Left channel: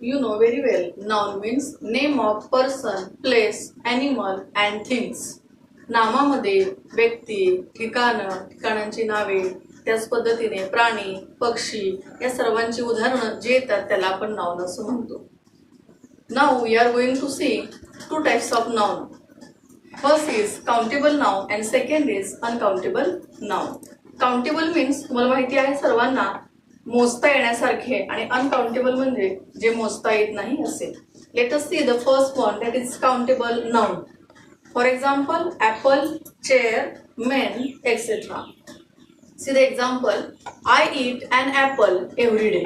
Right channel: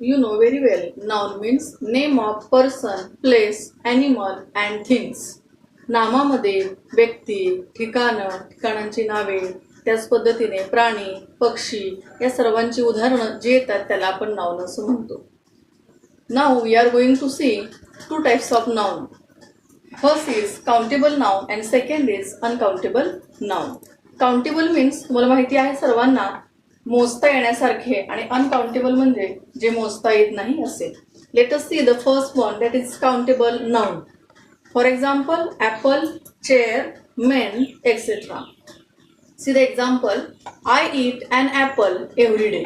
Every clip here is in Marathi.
You know very well, noun means name of person, place, animal and things. नामामध्ये व्यक्ती, ठिकाणांची नावे, त्याच पद्धतीने प्राणी, पक्षी या सर्वांची उदाहरणं जे येतात त्याला आपण नाउन असं म्हणतो. Now we are going to see two types of noun. First is countable noun and second is uncountable noun. Countable means तुम्हाला माहिती आहे सर्वांना मोजता येण्यासारखे आणि अनकाउंटेबल म्हणजे जे मोजता येत नाही असे. Let us see the first one that is countable noun. For example apple, chair, men etcetera. See the example, I eat an apple every day.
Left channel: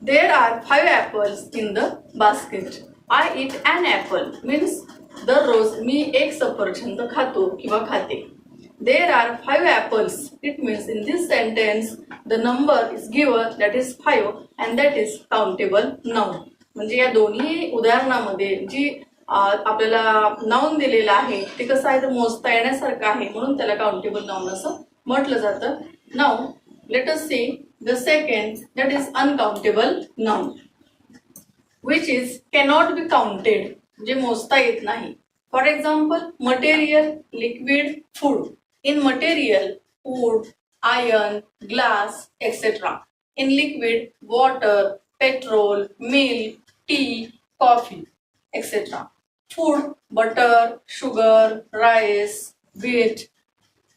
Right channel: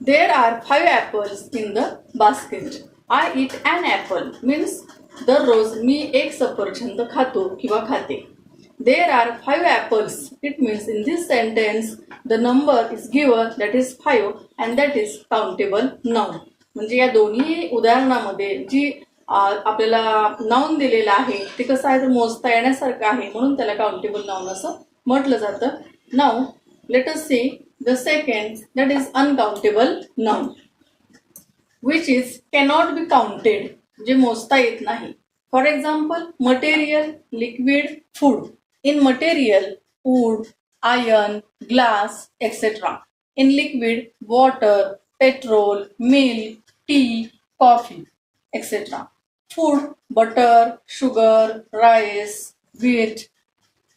There are 5 apples in the basket. I eat an apple means दररोज मी एक सफरचंद खातो किंवा खाते. There are 5 apples. It means in this sentence the number is given that is 5 and that is countable noun. म्हणजे या दोन्ही उदाहरणामध्ये जी आपल्याला नाउन दिलेलं आहे ते कसं आहे, ते मोजता येण्यासारखं आहे म्हणून त्याला काउंटेबल नाउन असं म्हटलं जातं. Now let us see the second that is uncountable noun which is cannot be counted, जे मोजता येत नाही. For example, material, liquid, food. In material, wood, iron, glass, etc. In liquid, water, petrol, milk, tea, coffee, etc. Food, butter, sugar, rice, wheat,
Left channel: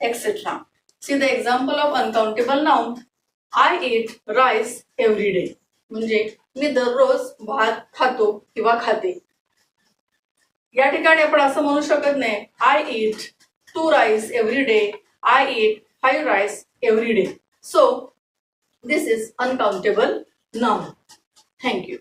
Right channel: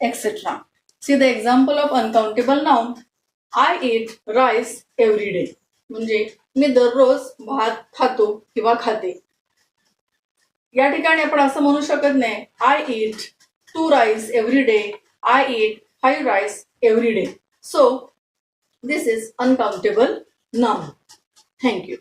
etc. See the example of uncountable noun. I eat rice every day. म्हणजे मी दररोज भात खातो किंवा खाते. या ठिकाणी आपण असं म्हणू शकत नाही I eat 2 rice every day. I eat 5 rice every day. So this is uncountable noun. Thank you.